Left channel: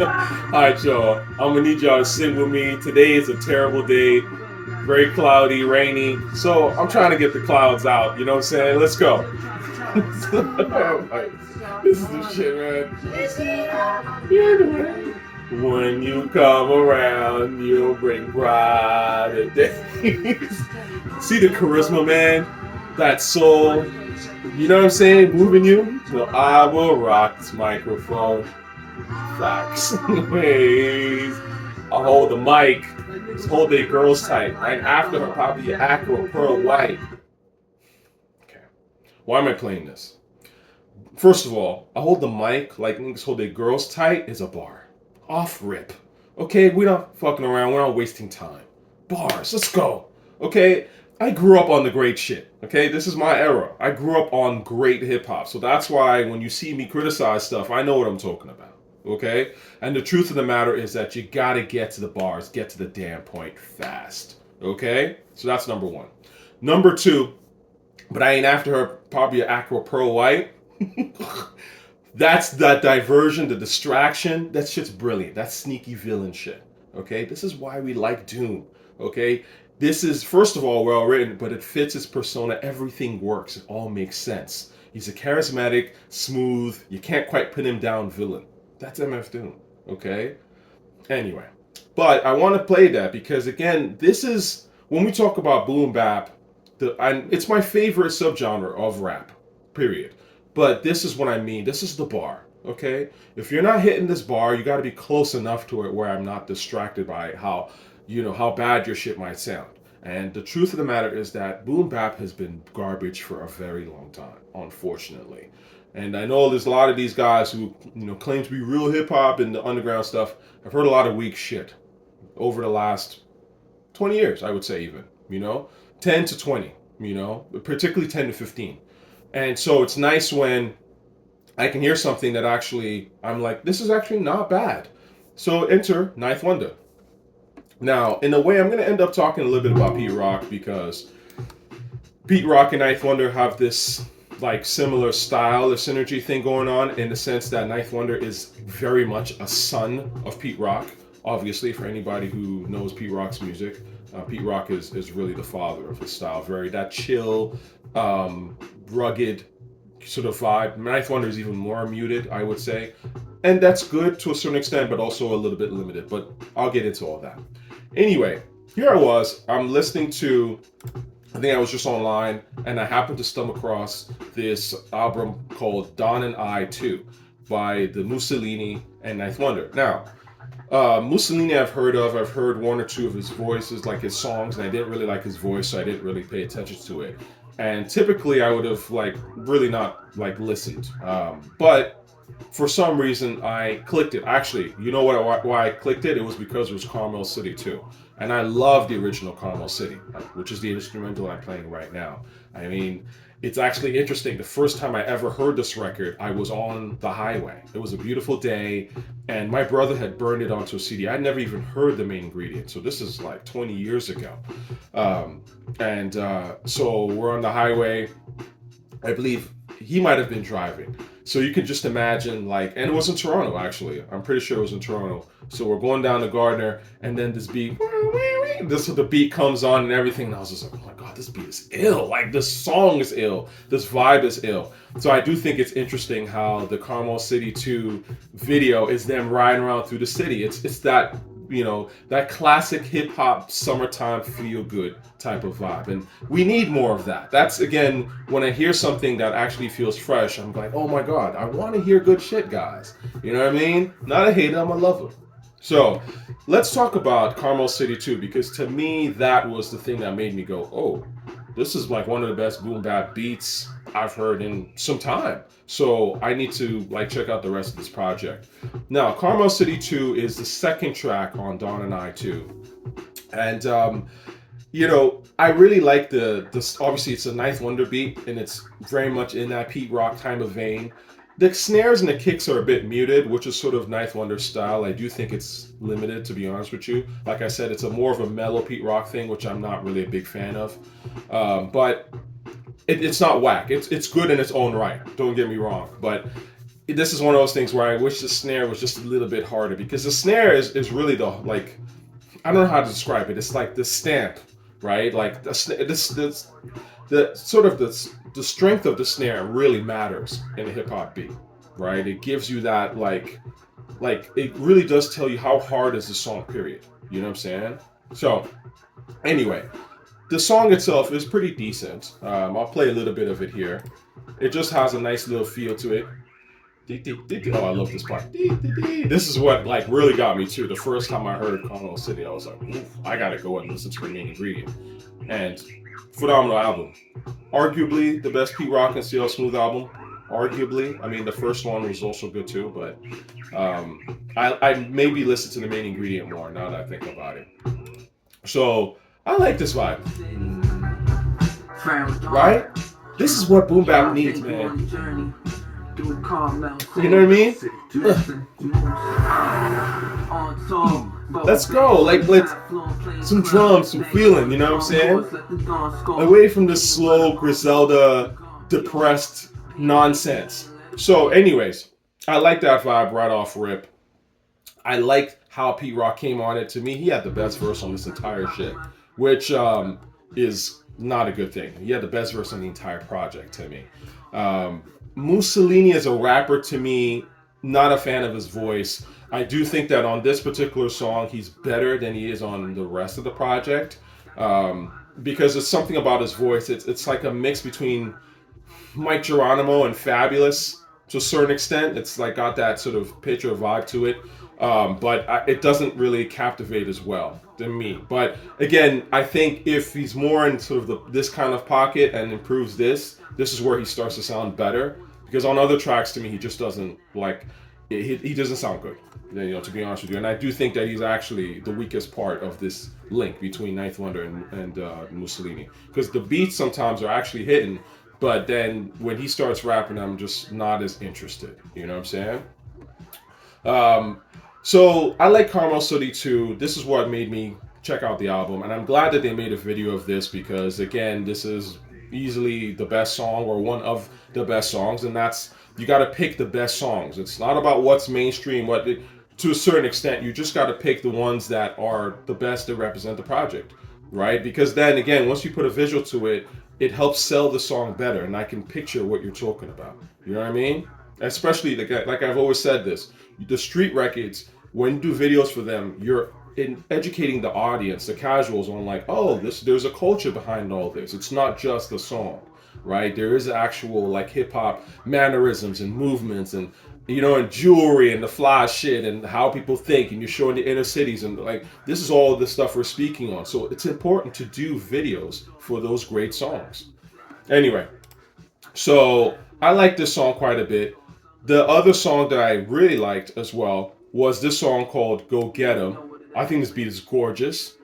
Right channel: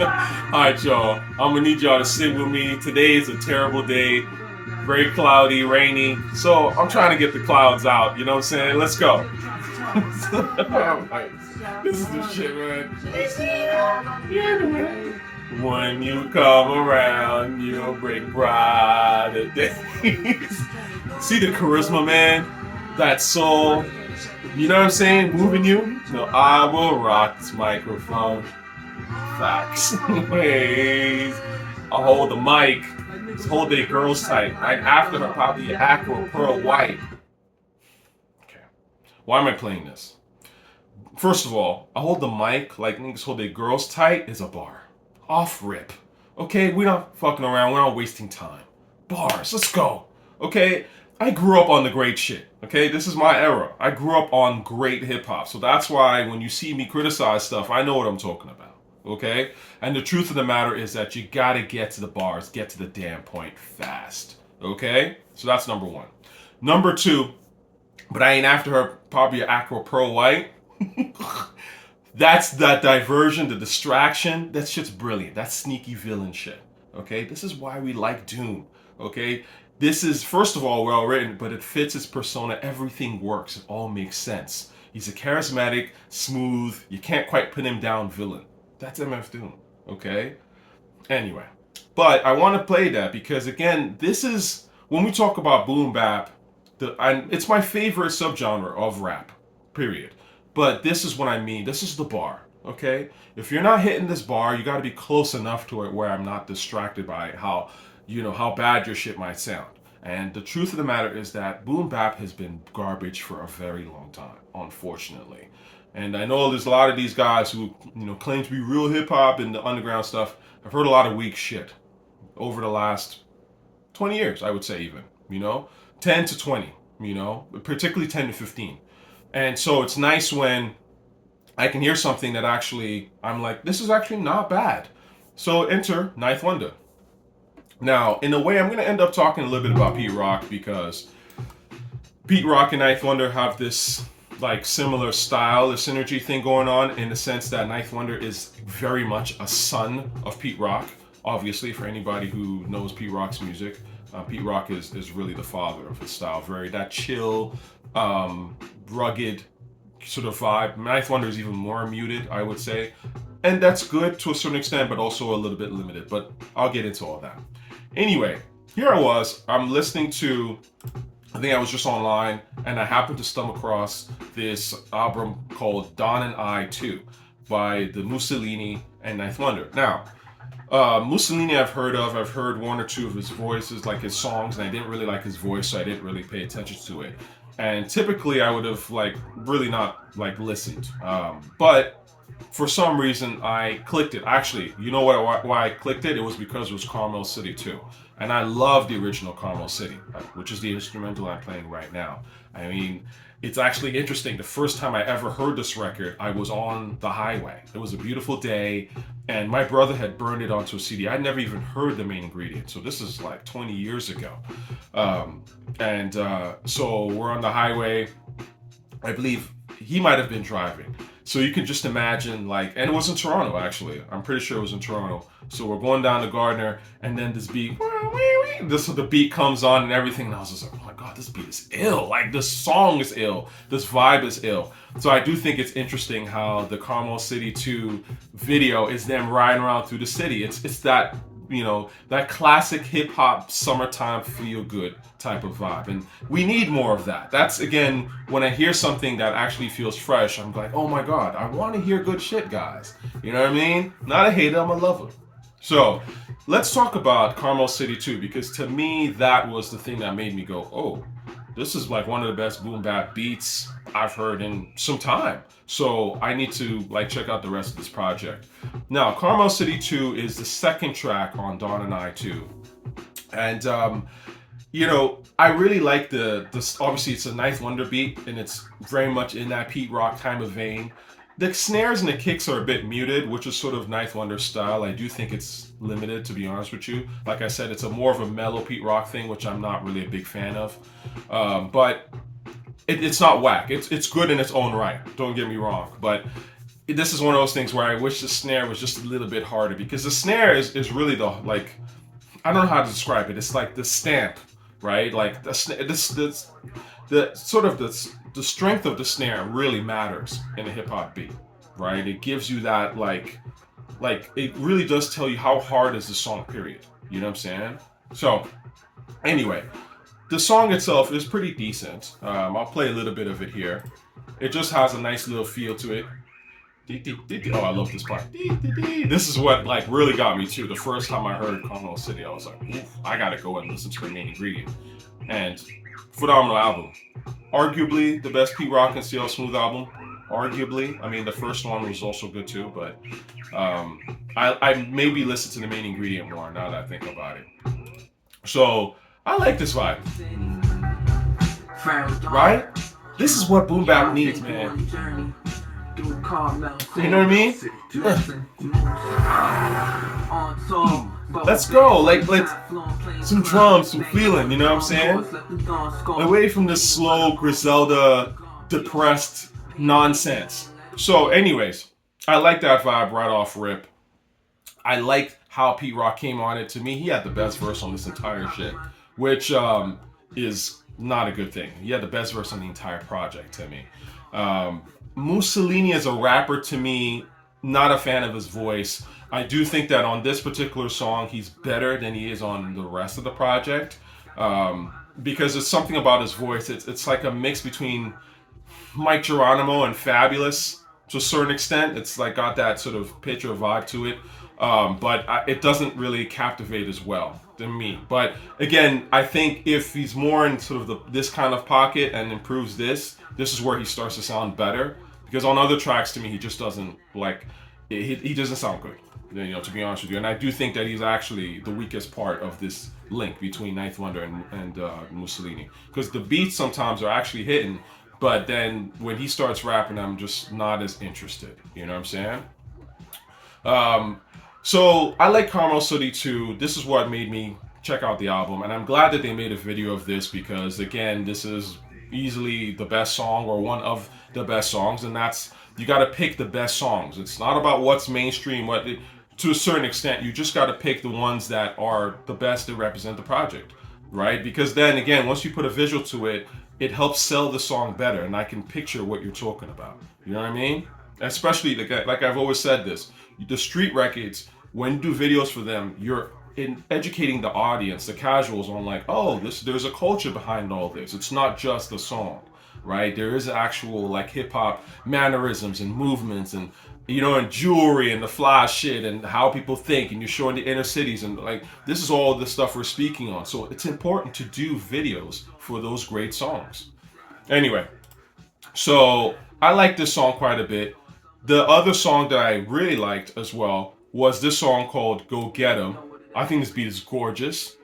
Alright, y'all. I'm gonna need y'all to sit with me. Today is a terrible day. Very cloudy, rainy. So I'm trying to get the clouds out. You know what I'm saying? Let's go. Alright. This is the shit, man. When you come around, you'll bring brighter days. See the charisma, man? That soul. You know what I'm saying? Moving you. So I will rock this microphone. Facts. Ways. I'll hold the mic. Just hold the girls tight. Right after her, probably Acro Pearl White. Okay. Why am I playing this? First of all, I hold the mic like niggas hold their girls tight is a bar. Off rip. Okay, we're not fucking around. We're not wasting time. Bars. Let's go. Okay. I grew up on the great shit. Okay, this is my era. I grew up on great hip hop, so that's why when you see me criticize stuff, I know what I'm talking about. Okay, and the truth of the matter is that you gotta get to the bars, get to the damn point fast. Okay, so that's number one. Number two, but I ain't after her. Probably an Acro Pearl White. That's that diversion, the distraction. That shit's brilliant. That's sneaky villain shit. Okay, this is why we like Doom. Okay, this is, first of all, well written, but it fits his persona. Everything works. It all makes sense. He's a charismatic, smooth, you can't quite pin him down villain. That's MF Doom. Okay? Anyway. But I want to play that because, again, this is, when we talk about boom bap, it's my favorite subgenre of rap, period. But this is what I mean. This is the bar. Okay? If you're not hitting this bar, you got to be close enough to it where I'm not distracted by how bad your shit might sound. And the truth of the matter is that boom bap has been garbage for a very long time, unfortunately. And I know there's a lot of these guys who, claim to be real hip hop and the underground stuff. I've heard a lot of weak shit over the last 20 years, I would say even, 10 to 20, particularly 10 to 15. And so it's nice when I can hear something that actually, I'm like, this is actually not bad. So enter Ninth Wonder. Now, in a way, I'm going to end up talking a little bit about Pete Rock because Pete Rock and Ninth Wonder have this like similar style, this synergy thing going on in the sense that Ninth Wonder is very much a son of Pete Rock. Obviously, for anybody who knows Pete Rock's music, Pete Rock is really the father of his style. Very that chill, rugged sort of vibe. Ninth Wonder is even more muted, I would say. And that's good to a certain extent, but also a little bit limited. But I'll get into all that. Anyway, here I was. I'm listening to, I think I was just online, and I happened to stumble across this album called Don and I 2 by the Musalini and Ninth Wonder. Now, Musalini I've heard of. I've heard one or two of his voices, like his songs, and I didn't really like his voice, so I didn't really pay attention to it. And typically I would have really not listened. But for some reason I clicked it. Actually, you know why I clicked it? It was because it was Carmel City too. And I love the original Carmel City, which is the instrumental I'm playing right now. I mean, it's actually interesting. The first time I ever heard this record, I was on the highway. It was a beautiful day, and my brother had burned it onto a CD. I'd never even heard the main ingredient, so this is like 20 years ago. So we're on the highway. I believe he might have been driving. So you can just imagine, and it was in Toronto, actually. I'm pretty sure it was in Toronto. So we're going down to Gardner, and then this beat, the beat comes on and everything. And I was just like, oh my God, this beat is ill. This song is ill. This vibe is ill. So I do think it's interesting how the Carmel City 2 video is them riding around through the city. It's that, that classic hip hop summertime feel good type of vibe. And we need more of that. That's, again, when I hear something that actually feels fresh, I'm like, oh my God, I want to hear good shit, guys. You know what I mean? Not a hater, I'm a lover. So let's talk about Carmel City 2, because to me, that was the thing that made me go, oh, this is one of the best boom bap beats I've heard in some time. So I need to check out the rest of this project. Now, Carmel City 2 is the second track on Dawn and I 2. And, I really like this. Obviously, it's a Ninth Wonder beat, and it's very much in that Pete Rock kind of vein. The snares and the kicks are a bit muted, which is sort of Ninth Wonder style. I do think it's limited, to be honest with you. Like I said, it's a more of a mellow Pete Rock thing, which I'm not really a big fan of. But it's not whack. It's good in its own right. Don't get me wrong. But this is one of those things where I wish the snare was just a little bit harder, because the snare is really the, like, I don't know how to describe it. It's like the stamp, right? Like the sort of the strength of the snare really matters in a hip hop beat, right? It gives you that like it really does tell you how hard is the song. Period. You know what I'm saying? So anyway, the song itself is pretty decent. I'll play a little bit of it here. It just has a nice little feel to it. Oh, I love this part. This is what like really got me too. The first time I heard Carmel City, I was like, oof, I gotta go and listen to the main ingredient. And phenomenal album. Arguably the best Pete Rock and CL Smooth album. Arguably. I mean, the first one was also good too, but I maybe listen to the main ingredient more now that I think about it. So I like this vibe. Right? This is what boom bap needs, man. You know what I mean? Let's go. Like, let's some drums, some feeling, you know what I'm saying? Away from this slow Griselda depressed nonsense. So anyways, I like that vibe right off rip. I like how Pete Rock came on it. To me, he had the best verse on this entire shit, which is not a good thing. He had the best verse on the entire project to me. Musalini as a rapper, to me, not a fan of his voice. I do think that on this particular song, he's better than he is on the rest of the project, because there's something about his voice. It's like a mix between Mike Geronimo and Fabulous to a certain extent. It's like got that sort of picture vibe to it, but it doesn't really captivate as well than me. But again, I think if he's more in sort of this kind of pocket and improves this is where he starts to sound better. Because on other tracks, to me, he just doesn't like. He doesn't sound good, you know, to be honest with you. And I do think that he's actually the weakest part of this link between Ninth Wonder and Musalini. Because the beats sometimes are actually hitting, but then when he starts rapping, I'm just not as interested. You know what I'm saying? So I like Carmel City too. This is what made me check out the album, and I'm glad that they made a video of this, because again, this is easily the best song, or one of the best songs, and that's, you got to pick the best songs. It's not about what's mainstream, to a certain extent, you just got to pick the ones that are the best that represent the project, right? Because then again, once you put a visual to it, it helps sell the song better, and I can picture what you're talking about. You know what I mean? Especially like I've always said this, the street records, when you do videos for them, you're in educating the audience, the casuals, on like, oh, there's a culture behind all this. It's not just a song, right? There is actual like hip hop mannerisms and movements, and you know, and jewelry and the fly shit and how people think, and you're showing the inner cities, and like this is all the stuff we're speaking on. So it's important to do videos for those great songs. Anyway, so I like this song quite a bit. The other song that I really liked as well was this song called Go Get 'Em. I think this beat is gorgeous.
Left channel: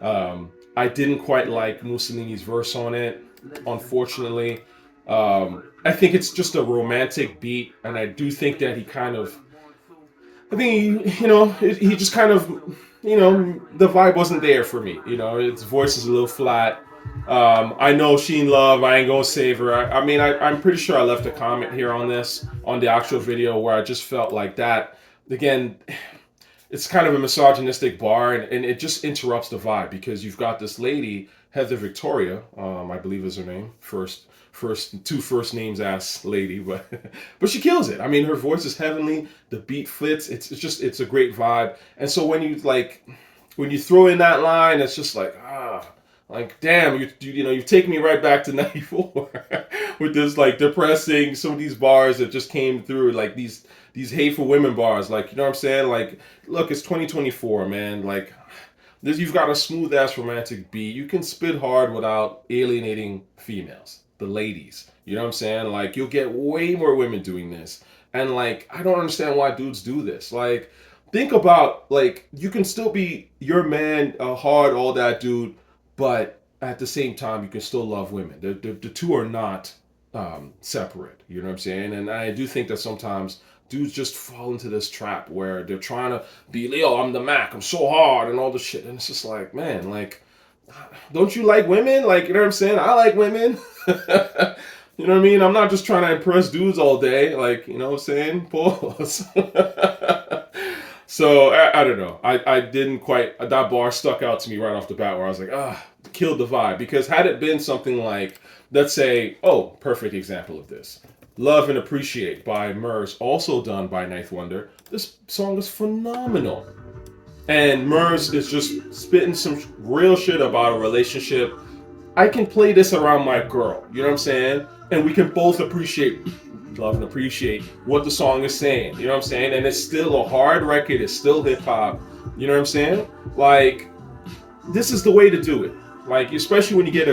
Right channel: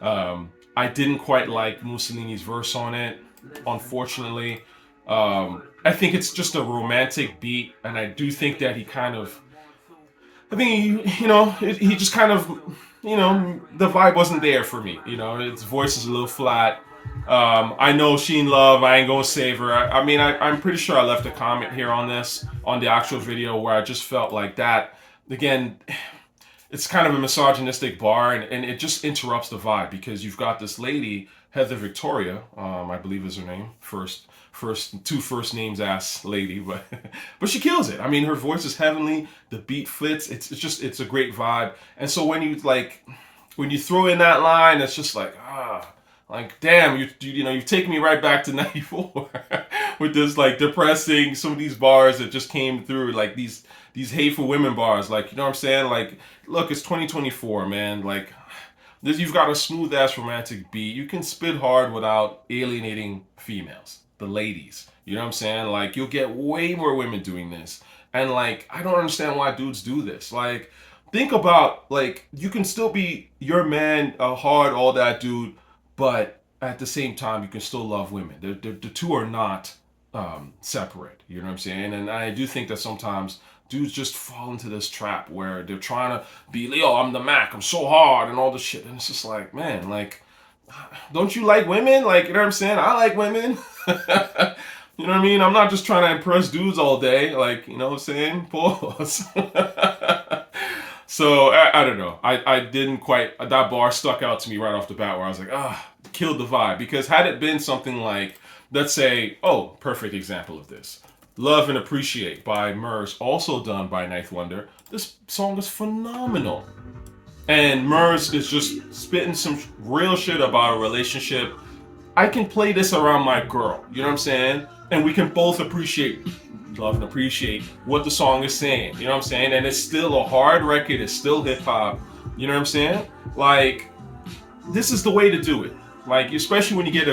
I didn't quite like Musalini's verse on it, unfortunately. I think it's just a romantic beat, and I do think that he kind of, I think he just kind of, the vibe wasn't there for me. You know, his voice is a little flat. I know she in love. I ain't gonna save her. I mean, I'm pretty sure I left a comment here on this, on the actual video, where I just felt like that. Again, it's kind of a misogynistic bar, and it just interrupts the vibe, because you've got this lady, Heather Victoria, I believe is her name, two first names ass lady, but but she kills it. I mean, her voice is heavenly, the beat fits, it's a great vibe. And so when you throw in that line, it's just like, like, damn, you've taken me right back to 94 with this like depressing, some of these bars that just came through, like these hateful women bars, like, you know what I'm saying? Like, look, it's 2024, man. Like, you've got a smooth ass romantic beat. You can spit hard without alienating females, the ladies. You know what I'm saying? Like, you'll get way more women doing this. And like, I don't understand why dudes do this. Like, think about, like, you can still be your man, hard, all that, dude, but at the same time, you can still love women. The two are not separate. You know what I'm saying? And I do think that sometimes dudes just fall into this trap where they're trying to be, Leo, I'm the Mac, I'm so hard, and all this shit. And it's just like, man, like, don't you like women? Like, you know what I'm saying? I like women. You know what I mean? I'm not just trying to impress dudes all day. Like, you know what I'm saying? Pause. So I don't know. I didn't quite, that bar stuck out to me right off the bat where I was like, killed the vibe. Because had it been something like, let's say, perfect example of this. Love and Appreciate by Murs, also done by Ninth Wonder. This song is phenomenal. And Murs is just spitting some real shit about a relationship. I can play this around my girl, you know what I'm saying? And we can both love and appreciate what the song is saying, you know what I'm saying? And it's still a hard record, it's still hip hop, you know what I'm saying? Like, this is the way to do it. Like, especially when you get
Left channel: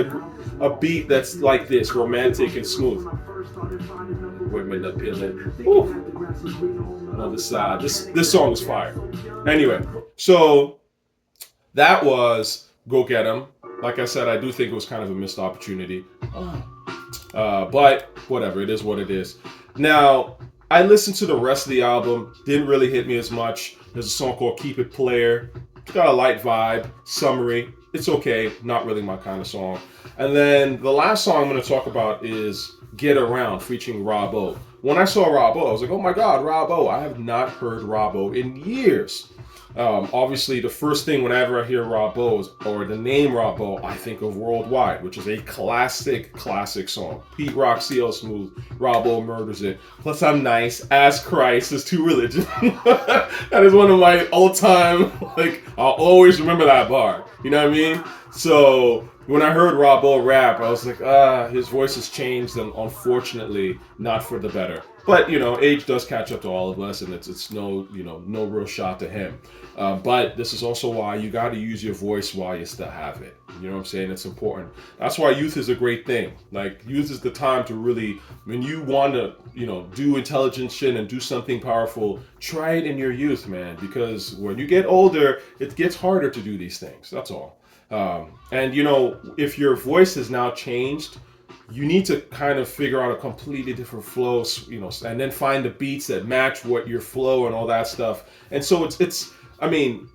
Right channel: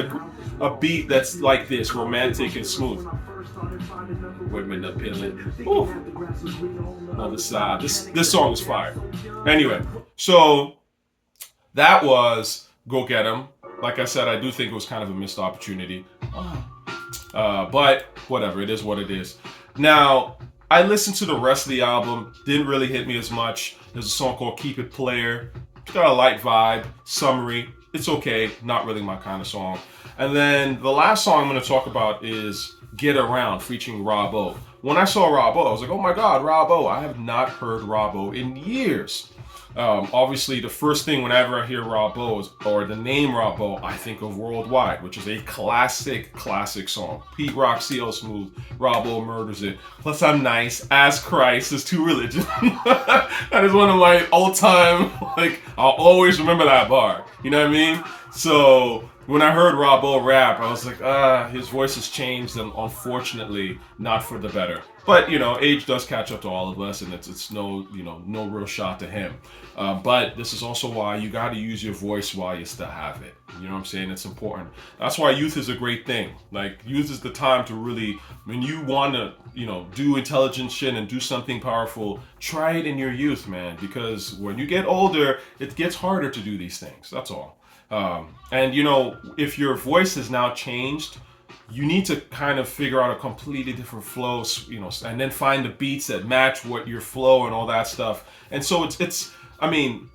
a beat that's like this, romantic and smooth. Women appealing. Ooh. Another side. This song is fire. Anyway, so that was Go Get 'Em. Like I said, I do think it was kind of a missed opportunity. But whatever, it is what it is. Now, I listened to the rest of the album, didn't really hit me as much. There's a song called Keep It Player. It's got a light vibe, summery. It's okay, not really my kind of song. And then the last song I'm going to talk about is Get Around, featuring Rob O. When I saw Rob O, I was like, oh my God, Rob O. I have not heard Rob O in years. Obviously, the first thing whenever I hear Rob O or the name Rob O, I think of Worldwide, which is a classic song. Pete Rock, CL Smooth, Rob O murders it. Plus, I'm nice as Christ is too religion. That is one of my all-time, like, I'll always remember that bar. You know what I mean? So when I heard Rob O rap, I was like, his voice has changed, and unfortunately, not for the better. But, you know, age does catch up to all of us, and it's no real shot to him. But this is also why you got to use your voice while you still have it. You know what I'm saying? It's important. That's why youth is a great thing. Like, youth is the time to really, when you want to, do intelligent shit and do something powerful, try it in your youth, man. Because when you get older, it gets harder to do these things. That's all. And, if your voice has now changed, you need to kind of figure out a completely different flow, and then find the beats that match what your flow and all that stuff. And so it's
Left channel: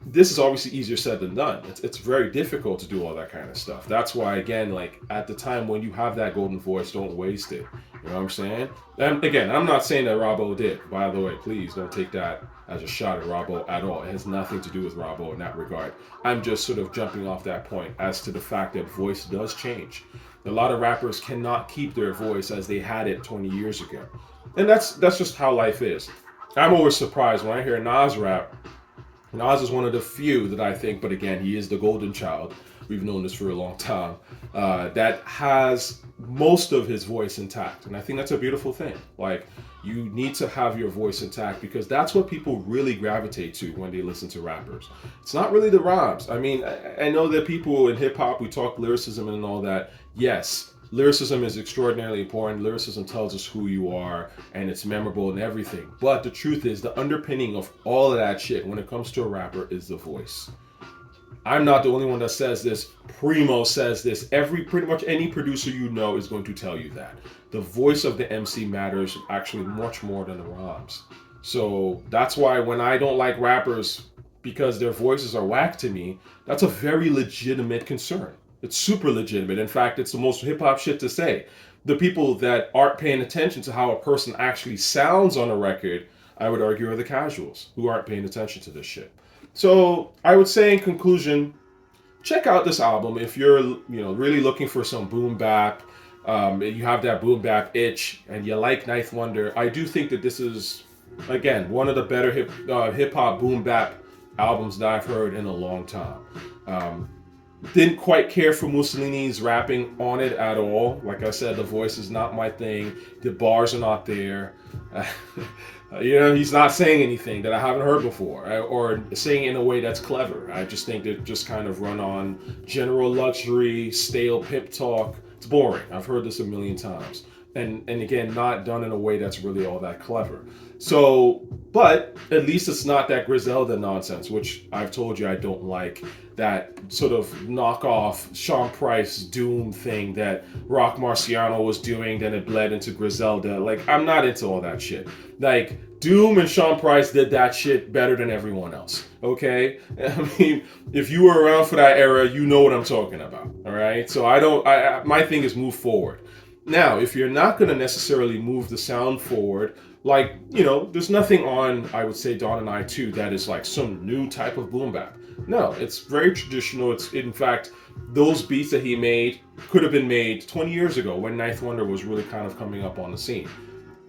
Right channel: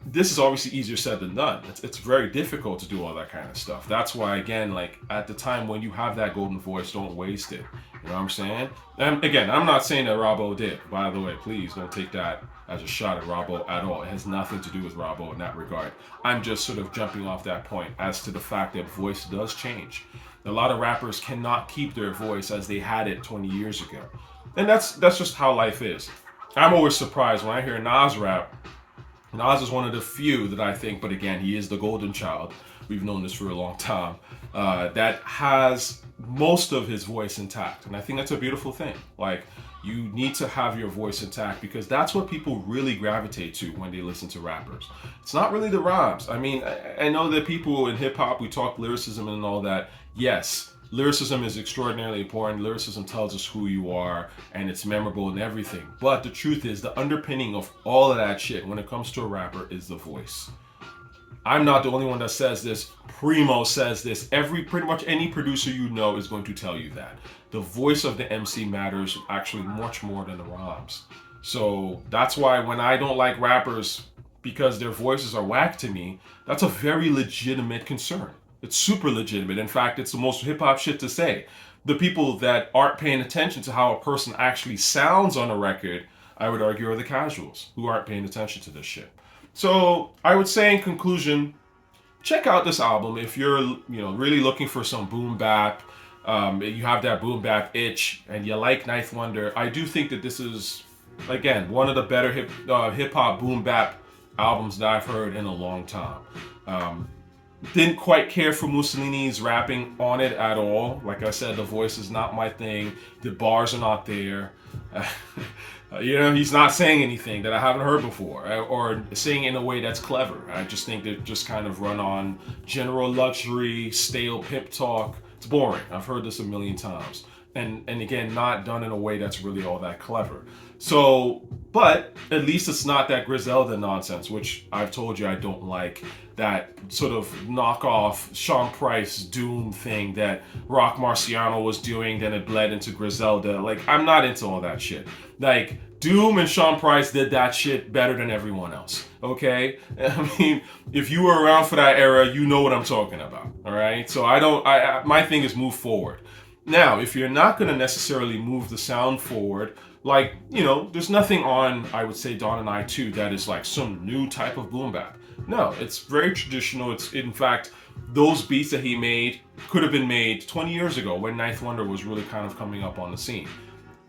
this is obviously easier said than done. It's very difficult to do all that kind of stuff. That's why, again, like, at the time when you have that golden voice, don't waste it. You know what I'm saying? And again, I'm not saying that Robbo did. By the way, please don't take that as a shot at Robbo at all. It has nothing to do with Robbo in that regard. I'm just sort of jumping off that point as to the fact that voice does change. A lot of rappers cannot keep their voice as they had it 20 years ago. And that's just how life is. I'm always surprised when I hear Nas rap. Nas is one of the few that I think, but again, he is the golden child. We've known this for a long time. That has most of his voice intact. And I think that's a beautiful thing. Like, you need to have your voice intact because that's what people really gravitate to when they listen to rappers. It's not really the rhymes. I mean, I know that people in hip hop, we talk lyricism and all that. Yes, lyricism is extraordinarily important. Lyricism tells us who you are and it's memorable and everything. But the truth is, the underpinning of all of that shit when it comes to a rapper is the voice. I'm not the only one that says this. Primo says this. Pretty much any producer you know is going to tell you that. The voice of the MC matters actually much more than the rhymes. So that's why when I don't like rappers because their voices are whack to me, that's a very legitimate concern. It's super legitimate. In fact, it's the most hip-hop shit to say. The people that aren't paying attention to how a person actually sounds on a record, I would argue, are the casuals who aren't paying attention to this shit. So I would say in conclusion, check out this album if you're really looking for some boom bap. You have that boom bap itch and you like Ninth Wonder. I do think that this is, again, one of the better hip hop boom bap albums that I've heard in a long time. Didn't quite care for Musalini's rapping on it at all. Like I said, the voice is not my thing. The bars are not there. He's not saying anything that I haven't heard before or saying in a way that's clever. I just think they just kind of run on general luxury, stale pimp talk. It's boring. I've heard this a million times. And again, not done in a way that's really all that clever. So, but at least it's not that Griselda nonsense, which I've told you I don't like. That sort of knockoff Sean Price Doom thing that Rock Marciano was doing, then it bled into Griselda. Like, I'm not into all that shit. Like, Doom and Sean Price did that shit better than everyone else, okay? I mean, if you were around for that era, you know what I'm talking about, all right? So my thing is move forward. Now, if you're not going to necessarily move the sound forward, like, there's nothing on, I would say, Dawn and I 2 that is like some new type of boom bap. No, it's very traditional. It's, in fact, those beats that he made could have been made 20 years ago when Ninth Wonder was really kind of coming up on the scene.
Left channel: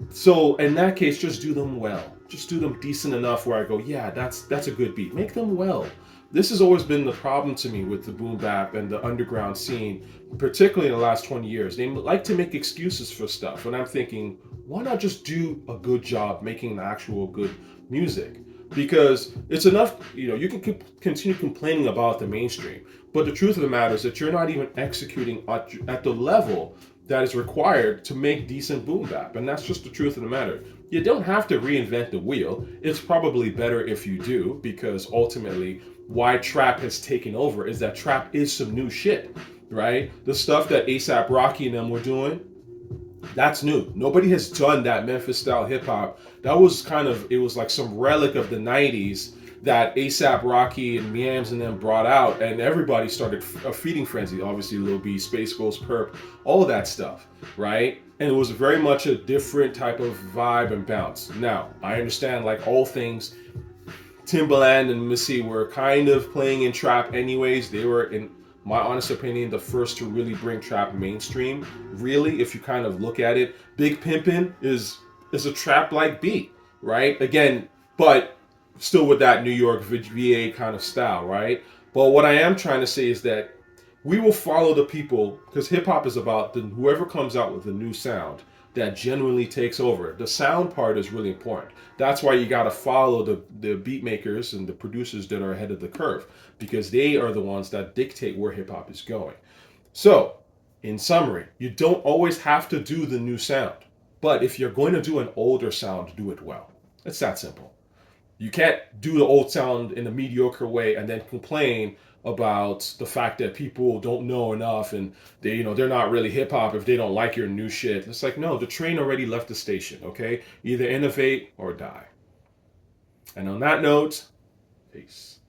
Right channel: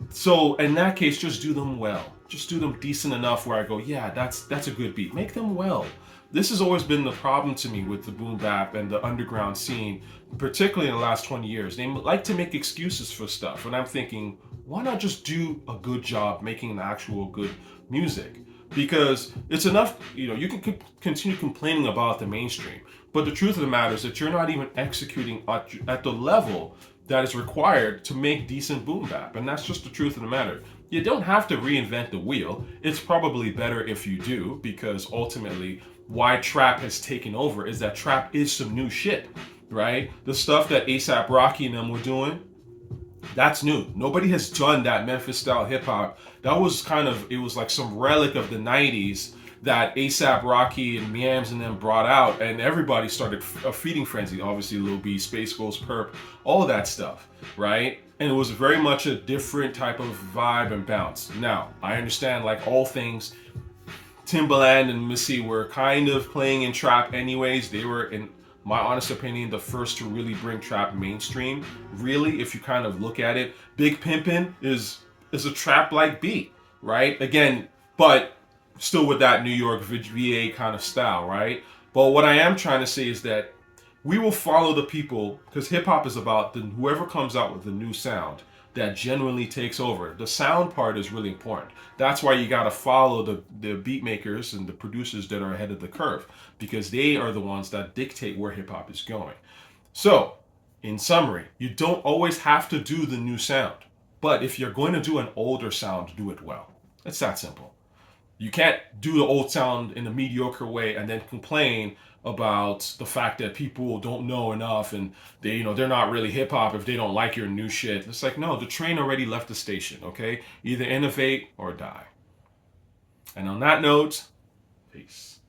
So in that case, just do them well. Just do them decent enough where I go, yeah, that's a good beat. Make them well. This has always been the problem to me with the boom bap and the underground scene, particularly in the last 20 years. They like to make excuses for stuff, and I'm thinking, why not just do a good job making actual good music? Because it's enough, you can continue complaining about the mainstream, but the truth of the matter is that you're not even executing at the level that is required to make decent boom bap, and that's just the truth of the matter. You don't have to reinvent the wheel. It's probably better if you do, because ultimately, why trap has taken over is that trap is some new shit, right? The stuff that ASAP Rocky and them were doing, that's new. Nobody has done that Memphis style hip hop. That was it was like some relic of the 90s that ASAP Rocky and Miams and them brought out, and everybody started a feeding frenzy. Obviously, Lil B, Space Ghost, Perp, all of that stuff, right? And it was very much a different type of vibe and bounce. Now, I understand, like all things, Timbaland and Missy were kind of playing in trap anyways. They were, in my honest opinion, the first to really bring trap mainstream. Really, if you kind of look at it, Big Pimpin' is a trap-like beat, right? Again, but still with that New York VA kind of style, right? But what I am trying to say is that we will follow the people, because hip hop is about whoever comes out with a new sound that genuinely takes over. The sound part is really important. That's why you got to follow the beat makers and the producers that are ahead of the curve, because they are the ones that dictate where hip hop is going. So, in summary, you don't always have to do the new sound, but if you're going to do an older sound, do it well. It's that simple. You can't do the old sound in a mediocre way and then complain about the fact that people don't know enough and they're not really hip hop if they don't like your new shit. It's like, no, the train already left the station, okay? Either innovate or die. And on that note, peace.